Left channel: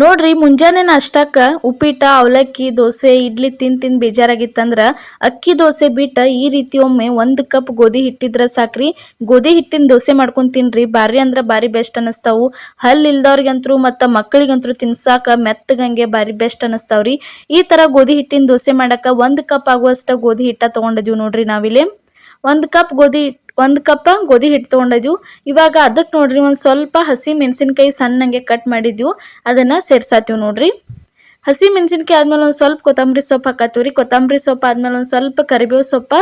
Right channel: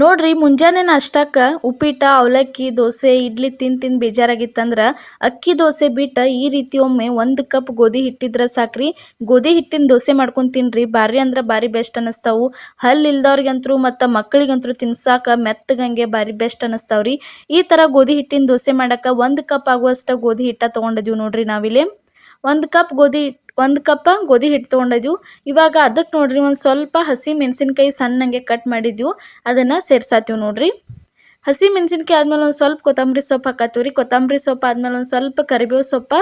ನೋಡ್ರಿ ಮುಂಜಾನೆ ನಾಷ್ಟಾಕ ಉಪ್ಪಿಟ್ಟ ಅವಲಕ್ಕಿ ದೋಸೆ ಇಡ್ಲಿ ತಿಂದು ಬೇಜಾರಾಗಿತ್ತಂದ್ರ ಅಕ್ಕಿ ದೋಸೆ ಬಿಟ್ಟ ಈ ರೀತಿ ಒಮ್ಮೆ 1 ಕಪ್ ಗೋಧಿ ಹಿಟ್ಟಿದ್ರ ಸಾಕ್ರಿ. ಗೋಧಿ ಹಿಟ್ಟಿನ ದೋಸೆ ಮಾಡ್ಕೊಂಡು ತಿನ್ರಿ, ಬಾರಿ ಅಂದ್ರ ಬಾರಿ ಬೆಸ್ಟ್ ಅನಸ್ತಾವು. ಹಲ್ ಇಲ್ದವ್ರಿಗಂತರೂ ಮತ್ತು ಮಕ್ಕಳಿಗಂತರೂ ತಿನ್ಸಾಕ ಮೆತ್ತಗಂಗೆ ಬಾರಿ ಬೆಸ್ಟ್ ಅನಸ್ತಾವ್ರಿ. ಈ ಥರ ಗೋಧಿ ಹಿಟ್ಟಿನ ದೋಸೆ ಮಾಡಕ್ಕೆ 1 ಕಪ್ ಆಗುವಷ್ಟು ಗೋಧಿ ಹಿಟ್ಟ ತೊಗೊಂಡಿದ್ವಿ ನೋಡ್ರಿ. ನಾವಿಲ್ಲಿ 1 ಕಪ್ ಗೋಧಿ ಹಿಟ್ಟು ತೊಗೊಂಡಿದ್ವು. ಇವಾಗ ಅದಕ್ಕೆ ನೋಡ್ರಿ ಒಂದು ಸ್ವಲ್ಪ ಹಸಿ ಮೆಣಸಿನ್ಕಾಯಿ ಸಣ್ಣಂಗೆ ಕಟ್ ಮಾಡಿದ್ವು, ಅದನ್ನು ಸೇರ್ಸಾತೀವಿ ನೋಡ್ರಿ. ಹಸಿ ಮೆಣಸಿನ್ಕಾಯಿ ಆದ್ಮೇಲೆ ಒಂದು ಸ್ವಲ್ಪ ಕೊತ್ತಂಬರಿ ಸೊಪ್ಪು ಹಾಕತ್ತೀವಿ ರೀ. ಕೊತ್ತಂಬರಿ ಸೊಪ್ಪು ಆದ್ಮೇಲೆ ಒಂದು ಸ್ವಲ್ಪ ಕರಿಬೇವು ಸೊಪ್ಪು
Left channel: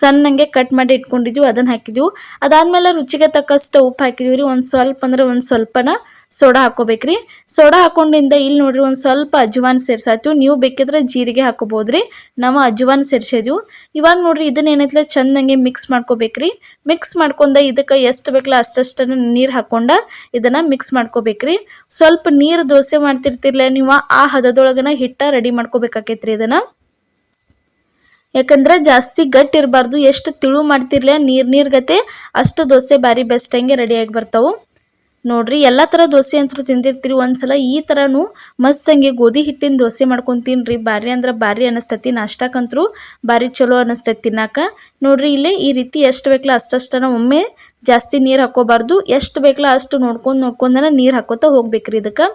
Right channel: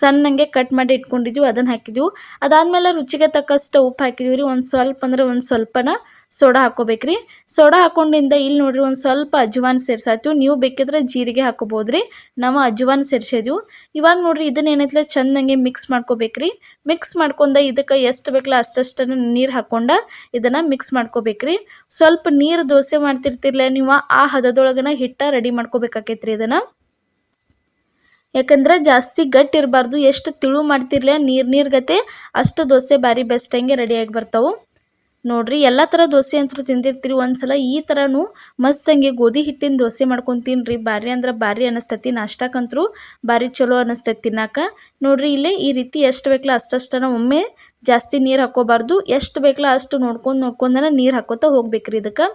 ಸಣ್ಣಂಗೆ ಕಟ್ ಮಾಡಿ ಇಟ್ಕೊಂಡಿದ್ವಿ, ಅದನ್ನು ಹಾಕಿದ್ವಿ. ಅದಾದ್ಮೇಲೆ ರುಚಿಗೆ ತಕ್ಕಷ್ಟು ಉಪ್ಪು ಹಾಕಿದ್ವಿ ರೀ. ಒಂದು ಸ್ವಲ್ಪ ಅಂದ್ರೆ ಒಂದು ಸ್ವಲ್ಪನ ಸೋಡಾ ಹಾಕೋಬೇಕ್ರಿ. ಸೋಡಾ ಹಾಕೊಂಡಿಂದ ಇಲ್ಲಿ ನೋಡ್ರಿ ಒಂದು ಸ್ವಲ್ಪ ಅಜ್ವಾನ್ ಸೇರ್ಸಾತೀವಿ. ನೀವು ಬೇಕಿದ್ರೆ ಜೀರಿಗೆ ಹಾಕೋಬೋದ್ರಿ, ನಾವು ಅಜ್ವಾನ್ ಸೇರ್ಸಿದ್ವಿ. ಇವಾಗ ನೋಡ್ರಿ ಇದನ್ನ ಏನೈತಲ್ಲ ಚಂದಂಗೆ ಮಿಕ್ಸ್ ಮಾಡ್ಕೋಬೇಕ್ರಿ. ಮಿಕ್ಸ್ ಮಾಡ್ಕೊಂಡ ಇದಕ್ಕೆ ಎಷ್ಟು ಬೇಕಲ್ಲ ಅಷ್ಟನ್ನು ನೀರು ಹಾಕೊಂಡ ಇದನ್ನ ಮಿಕ್ಸ್ ಮಾಡ್ಕೋಬೇಕ್ರಿ. ಸ್ವಲ್ಪ ನೀರು ದೋಸೆ ಮಾಡ್ತಿರ್ತಿರ್ಲ ನೀವು ಆ ಹದದೊಳಗನ ಹಿಟ್ಟ ರೆಡಿ ಮಾಡ್ಕೋಬೇಕಾಕೈತ್ರಿ. ಇದನ್ನ ಯಾಕಂದ್ರೆ ಜಾಸ್ತಿ ಗಟ್ಟಿ ಇರಬಾರ್ದು, ಎಷ್ಟು ತಿಳು ಮಾಡ್ತಿರ್ಲ ನೀರ್ಗತೆ ಅಷ್ಟು ದೋಸೆ ಬಾರಿ ಬೆಸ್ಟ್ ಹಂಗೆ ರೆಡಿಯಾಗಿ ಬರ್ತಾವೆ ನೋಡ್ರಿ. ಎಲ್ಲ ಥರ ದೋಸೆ ಅಂತೂ ತಿಂದಿರ್ತೀರಿ, ಒಂದ್ಸಲ ಈ ಥರನೂ ಮಸ್ತಂಗೆ ಗೋಧಿ ಹಿಟ್ಟಿನ ದೋಸೆ ಮಾಡ್ಕೊಂಡು ತಿನ್ರಿ. ಬಾರಿ ಅಂದ್ರೆ ಬಾರಿ ಅನಿಸ್ತೈತಿ. ನಾಷ್ಟಕ್ಕಂತರೂ ಬಾರಿ ಚಲೋ ಅನಿಸ್ತೈತಿ ತಿನ್ನಾಕ. ನೋಡ್ರಿ ಇಲ್ಲೇ ಈ ರೀತಿ ಎಷ್ಟು ಬೇಕಲ್ಲ ಅಷ್ಟನ್ನು ಒಮ್ಮೆ ಜಾಸ್ತಿ ನೀರು ಹಾಕೋಬಾರ್ದು, ಎಷ್ಟು ಬೇಕಲ್ಲ ಅಷ್ಟು ನೋಡ್ಕೊಂಡನ ನೀರು ಹಾಕೋತಾ ಹೋಗ್ಬೇಕ್ರಿ. ಇದಕ್ಕೆ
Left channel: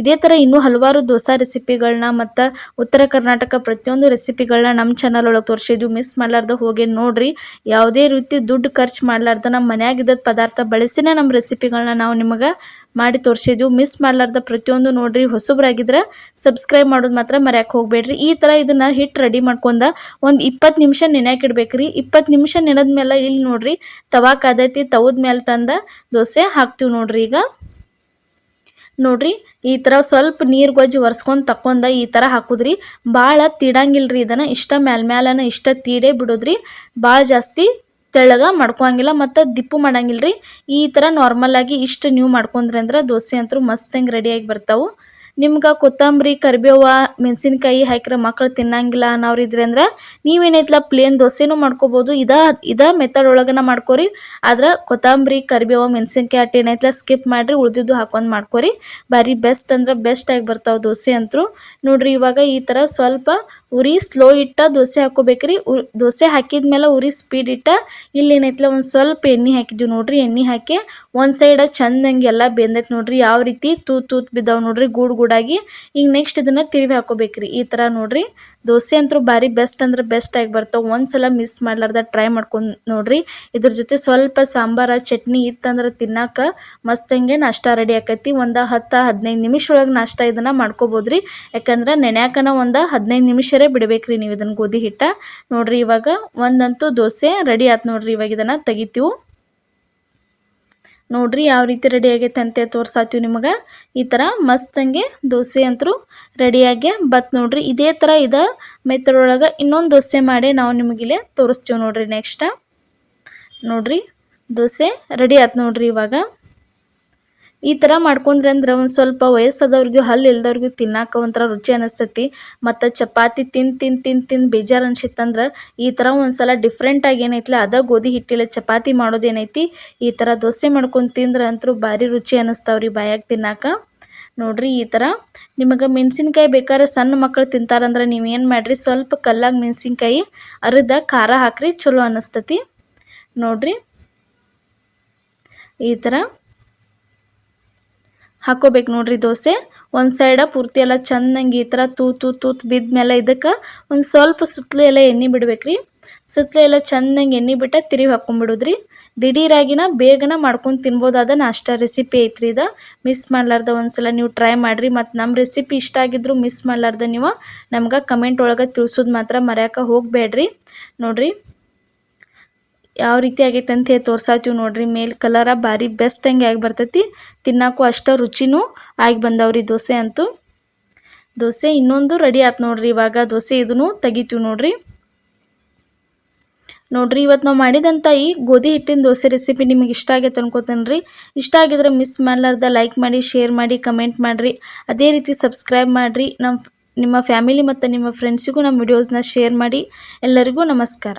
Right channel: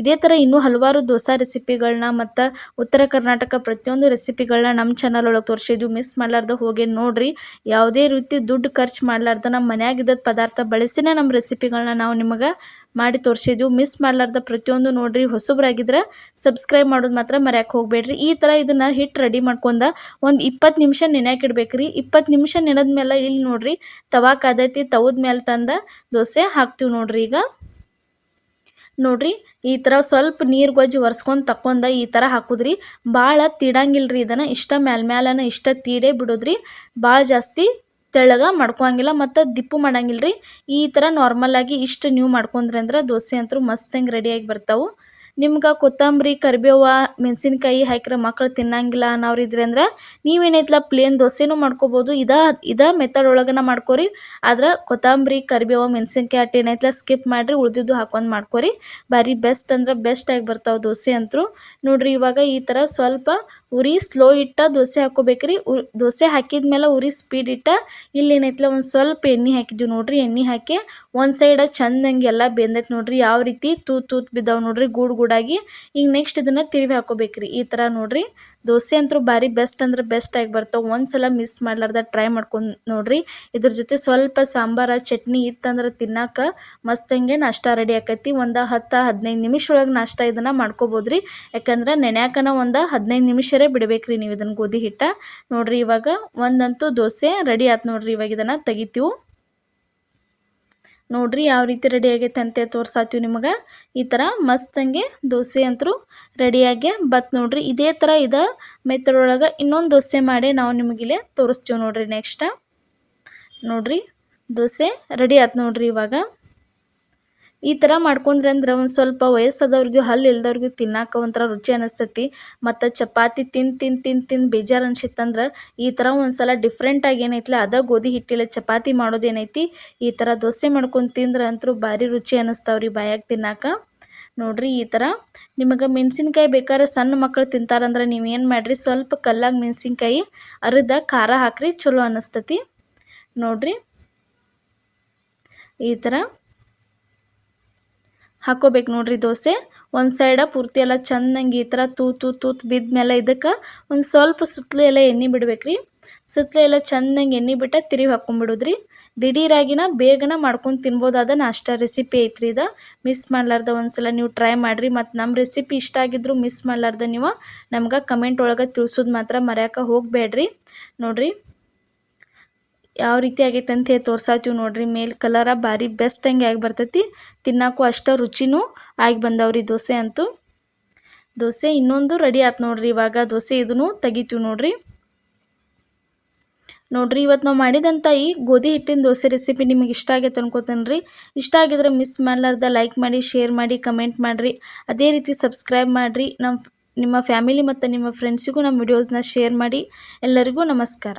ಇದೇ ಥರ ಇನ್ನೂ ಹಲವಾರು ದೋಸೆ ರೆಸಿಪಿಗಳನ್ನ ಮತ್ತು ಉತ್ತರ ಕರ್ನಾಟಕ ಪ್ರತಿಯೊಂದು ರೆಸಿಪಿಗಳನ್ನ ನಮ್ಮ ಚಾನಲ್ ಒಳಗೆ ತೋರಿಸಿದ್ವಿ. ಮಿಸ್ ಮಾಡಲಾರ್ದ ಹೋಗಿ ನೋಡ್ರಿ. ಯಾವುದೇ ರೀತಿ ದುಡ್ಡು ಖರ್ಚು ಮಾಡಲಾರ್ದ ನಮ್ಮ ಮನ್ಯಾಗಿದ್ದ ಪದಾರ್ಥ ಬಳಸಿನೇ ನಮ್ಮ ರೆಸಿಪಿಗಳನ್ನ ನಾವು ನಿಮಗೆ ಮಾಡಿ ತೋರಿಸಿದ್ವಿ. ಮಿಸ್ ಮಾಡಲಾರ್ದ ಪ್ರತಿಯೊಂದು ನೋಡ್ರಿ. ಹೊಸಬ್ರಾಗಿದ್ರೆ ಸಬ್ಸ್ಕ್ರೈಬ್ ಮಾಡೋದು ಮಾತ್ರ ಮರ್ಯಾಕೆ ಹೋಗಬೇಡ್ರಿ. ಈ ಥರ ಇದನ್ನು ಹಿಟ್ಟು ರೆಡಿ ಮಾಡ್ಕೊಂಡ ಒಂದು 20 ನಿಮಿಷ ನೆನೆಯಾಕಿಡ್ಬೇಕ್ರಿ. 20 ನಿಮಿಷ ನೆನೆದ್ಮೇಲೆ ಇಲ್ಲಿ ನೋಡ್ರಿ ತವಾ ಕಾದೈತಿ, ತವದ ಮೇಲೆ ತಂದ ದೋಸೆ ಹಾಕ್ತೀವಿ ನೋಡ್ರಿ. ಈಗ ನೋಡ್ರಿ ಈ ಥರ ಸ್ವಲ್ಪ ನೀರು ಗೊಜ್ಜು ಒರೆಸ್ಕೊಂಡು ತಕ್ಕೊಂಡ ಈ ಥರ ಹಾಕುದ್ರಿ. ಭಾಳ ತೀಡಂಗಿಲ್ರಿ, ಇದನ್ನು ಇಷ್ಟ ಮ್ಯಾಲನ ಇಷ್ಟ ತೀಡೇ ಬಿಡೋದ್ರಿ. ಭಾಳ ಜಾಸ್ತಿ ತೆಳ್ಳಗ ಮಾಡ್ಕೊಳಂಗಿಲ್ಲ ಮತ್ತು ದಿಪ್ಪು ಮಾಡಂಗಿಲ್ರಿ. ಈ ಥರ ನಾರ್ಮಲಾಗಿ ಇಷ್ಟು ನೀವು ಮಾಡ್ಕೊಂಡ್ರಿ ಅಂದ್ರೆ ದೋಸೆ ಅಂತೂ ಮಸ್ತಂಗೆ ರೆಡಿಯಾಗಿ ಬರ್ತಾವೆ. ನಿಮ್ಗೆ ಕೊತ್ತಂಬರಿ ಕರಿಬೇವು ಮೆಣಸಿನ್ಕಾಯಿ ಹಾಕಿದ್ರೆ ಮಕ್ಕಳು ತಿನ್ನಂಗಿಲ್ಲ ಅನ್ನೋರು ಇದ್ರಿ ಅಂದ್ರೆ ನೀವೇನೈತಲ್ಲ ಪ್ಲೇನ್ ದೋಸೆನೂ ಮಾಡ್ಕೋಬೋದು. ಇದ ಮೆಥಡ್ ಒಳಗನ ಮಾಡ್ಕೊರಿ. ಆದ್ರೆ ಕೊತ್ತಂಬರಿ ಕರಿಬೇವು ಮೆಣಸಿನ್ಕಾಯಿ ಅಟ್ಟು ಏನೈತಲ್ಲ ಸ್ಕಿಪ್ ಮಾಡಿರಿ, ಉಳಿದಿದ್ದು ಹಾಕೊಂಡು ಮಾಡ್ಕೊರಿ. ಭಾರಿ ಬೆಸ್ಟ್ ಅಂದ್ರೆ ಬೆಸ್ಟಾಗಿ ಬರ್ತಾವೆ ದೋಸೆ ಅಂತೂ ನೋಡ್ರಿ. ಇವಾಗ ಈ ಥರ ಸ್ವಲ್ಪ ಉರಿ ಸ್ಲೋ ಇಟ್ಟ ದೋಸೆ ಹಾಕೋಬೇಕ್ರಿ. ದೋಸೆ ಹಾಕಿದ್ಮೇಲೆ ಉರಿ ಸ್ಪೀಡ್ ಇಟ್ಟ ಇಲ್ಲಿ ಏನೈತಲ್ಲ ಒಂದು ಸ್ವಲ್ಪ ಎಣ್ಣೆ ಹಾಕಿದ್ವಿ ನೋಡ್ರಿ. ಎಣ್ಣೆ ಹಾಕಿ ಒಂದು ಸೈಡ ಚಂದಂಗೆ ಎಲ್ಲ ಬೆಂದೈತೆ ನೋಡ್ರಿ. ಯಾವ ರೀತಿ ತೂತು ಬಿದ್ದಾವೆ ನೋಡ್ರಿ ಗೂಡಾಗಿ. ಈಗ ನೆಕ್ಸ್ಟ್ ಇದನ್ನು ತಿರುವಿ ಹಾಕೋಬೇಕ್ರಿ. ಈ ಥರ ನೋಡ್ರಿ ದೋಸೆ ಅಂತೂ ಭಾರಿ ಬೆಸ್ಟ್ ಅಂದ್ರೆ ಬೆಸ್ಟಾಗಿ ಬರ್ತಾವೆ. ಒಂದ್ಸಲ ಮಿಸ್ ಮಾಡ್ಲಾರ್ದ ಟ್ರೈ ಮಾಡ್ಕೊಂಡು ನೋಡ್ರಿ. ಇದ್ರ ಜೊತೆ ಸ್ವಲ್ಪ ಸಾಂಬಾರ ಚಟ್ನಿ ಇತ್ತಂದ್ರೆ ತಿನ್ನಾಕ ಮಸ್ತಂಗೆ ನಾಷ್ಟ ರೆಡಿ ಆಕೈತಿ. ಒಂದು 10-15 ನಿಮಿಷ ಒಳಗೆ ನಾಷ್ಟ ಇದನ್ನು ಮಾಡ್ಕೋಬೋದ್ರಿ. ಯಾಕಂದ್ರೆ ನೆನ್ಯಾಕನ ಒಂದು 15 ನಿಮಿಷರೇ ಬಿಡ್ಬೇಕ್ರಿ ನೀವು ಇದನ್ನು ಗೋಧಿ ಹಿಟ್ಟ ನೋಡ್ರಿ. ಇವಾಗ ಒಂದಂತೂ ದೋಸೆ ರೆಡಿ ಆಯ್ತು ನೋಡ್ರಿ. ಇವಾಗ ಇದನ್ನು ತೆಗಿತೀವಿ ನೋಡ್ರಿ. ಯಾವ ರೀತಿ ರೆಡಿ ಆಗೈತೆ ಅಂತ ತೋರ್ಸಾತೀವಿ ನಿಮಗೆ. ಈ ಥರ ಮಸ್ತಂಗೆ ದೋಸೆ ಅಂತೂ ರೆಡಿಯಾಗಿ ಬತ್ ನೋಡ್ರಿ. ಇದೇ ಥರ ಮೆಥಡ್ ಒಳಗೆ ಇನ್ನೊಂದು ದೋಸೆ ಮಾಡಿ ನಾವು ನಿಮಗಿಲ್ಲೇ ತೋರಿಸ್ತೀವಿ ನೋಡ್ರಿ. ನೆಕ್ಸ್ಟ್ ನೋಡ್ರಿ ದೋಸೆ ರೆಡಿ ಆಯ್ತು ನೋಡ್ರಿ. ಇವಾಗ ಈ ಥರ ಮಾಡ್ಕೊಂಡ್ರಿ ಅಂದ್ರೆ ಒಂದು ಸ್ವಲ್ಪ ವಯಸ್ಸಾದವ್ರಿಗೂ ಹಲ್ಲು ಇಲ್ದವ್ರಿಗೂ ತಿನ್ನಾಕ ಒಂಥರ ರುಚಿ ಅನ್ನಿಸ್ತೈತಿ. ಮತ್ತು ಚಪಾತಿ ತಿಂದು ಬೇಜಾರು ಅನ್ಸಿತ್ತಂದ್ರೆ ಈ ಥರ ಒಂದು ಸಲ ಡಿಫ್ರೆಂಟಾಗಿ ಏನೈತಿಲ್ಲ ಅದ ಗೋಧಿ ಹಿಟ್ಟಿಲ್ಲ ಚಪಾತಿ ಮಾಡೋದೇನೈತಿ ಈ ಥರ ದೋಸೆ ಮಾಡ್ಕೊಂಡು ತಿಂದ್ರೆ ಅಂತೂ ಭಾರಿ ರುಚಿ ಅನ್ನಿಸ್ತಾವ್ರಿ ಬಾಯಾಗ ತಿನ್ನಾಕ ನೋಡ್ರಿ. ಈ ಥರ ನಿಮಗೆ ಮೆಣಸಿನ್ಕಾಯಿ ಬೇಕಾದ್ರೆ ಸಣ್ಣ ಮಕ್ಕಳು ತಿಂತಾರಂದ್ರೆ ನೀವೇನು ಮಾಡಿರಿ, ಸ್ವಲ್ಪ ಕಲ್ಲಾಗ ಮೆಣಸಿನ್ಕಾಯಿ ಅರಿದ ಖಾರ ಹಾಕ್ರಿ, ಚಲೋ ಅನ್ನಿಸ್ತತಿ ನೋಡ್ರಿ. ಈ ಥರ ಹಾಕೋಬೇಕು ನೋಡ್ರಿ. ದೋಸೆ ಒಂದು ಸೈಡ ಪೂರ್ತಿ ಎಲ್ಲ ಚೆಂದಂಗೆ ಈ ಥರ ತೂತು ಬಿದ್ಮೇಲೆ ಇದಕ್ಕೆ ಒಂದು ಸ್ವಲ್ಪ ಸುತ್ತಲೂ ಎಲ್ಲ ಎಣ್ಣೆ ಬಿಡ್ಬೇಕ್ರಿ. ಸುತ್ತಲೂ ಎಲ್ಲ ಚೆಂದಂಗೆ ಎಣ್ಣೆ ಬಿಟ್ಟು ತಿರುವಿ ಹಾಕ್ಕೊಂಡ್ಬಿಡೋದ್ರಿ. ದಿಢೀರಾಗಿನ ಬೇಗನ ಮಾಡ್ಕೊಂಡು ತಿನ್ಬೋದಾದ ನಾಷ್ಟ ರೆಸಿಪಿ ಐತ್ರಿ. ಇದು ಮಿಸ್ ಮಾಡಲಾರ್ದ ಒಂದ್ಸಲ ನೀವು ಟ್ರೈ ಮಾಡಿರಿ. ಮತ್ತು ನಮ್ಮ ರೆಸಿಪಿ ಇಷ್ಟ ಆಗಿದ್ರು ಮಿಸ್ ಮಾಡಲಾರ್ದ ನೀವು ನಮ್ಗೆ ಕಮೆಂಟ್ ಒಳಗೆ ತಿಳಿಸೋದು ಮಾತ್ರ ಮರ್ಯಾಕೆ ಹೋಗಬೇಡ್ರಿ ನೋಡ್ರಿ. ಯಾವ ರೀತಿ ಆಗೈತೆ ಅಂತ ಹೇಳಿ ತೋರ್ಸಾತೀವಿ ನೋಡ್ರಿ. ಮೇಲೆ ಕಲರ ಭಾರಿ ಬೆಸ್ಟ್ ಹಂಗೆ ಆಗಿ ಬರ್ತೈತಿ, ತಿನ್ನೋಕ್ಕೂ ಅಷ್ಟು ರುಚಿನೂ ಆಗಿ ಬಂದವ್ರಿ ದೋಸೆ ಅಂತೂ. ದೋಸೆ ಇನ್ನೊಂದು ರೆಡಿ ಆಯ್ತು ನೋಡ್ರಿ. ಇವಾಗ ದೋಸೆ ಇದನ್ನು ತೆಗಿತೀವಿ ನೋಡ್ರಿ. ಇವತ್ತು ನಾವು ಮಾಡಿದಂಥ ಈ ಗೋಧಿ ಹಿಟ್ಟಿನ ದೋಸೆ ರೆಸಿಪಿ ನಿಮಗೆ ಇಷ್ಟ ಆಗೈತೆ ಅನ್ಕೋತೇನೆ ರೀ. ಇಷ್ಟ ಆಗಿದ್ರೆ ಮಿಸ್ ಮಾಡಲಾರ್ದ ಲೈಕ್ ಮಾಡಿ, ಶೇರ್ ಮಾಡಿ, ಕಮೆಂಟ್ ಮಾಡಿರಿ. ಅದೇ ರೀತಿ ಸಬ್ಸ್ಕ್ರೈಬ್ ಮಾಡಿರಿ. ನಿಮ್ಮ ಫ್ಯಾಮಿಲಿ ಮತ್ತು ನಿಮ್ಮ ಫ್ರೆಂಡ್ಸಿಗೂ ನಮ್ಮ ವಿಡಿಯೋಸ್ನ ಶೇರ್ ಮಾಡಿ. ಎಲ್ಲರಿಗೂ ನಮಸ್ಕಾರ.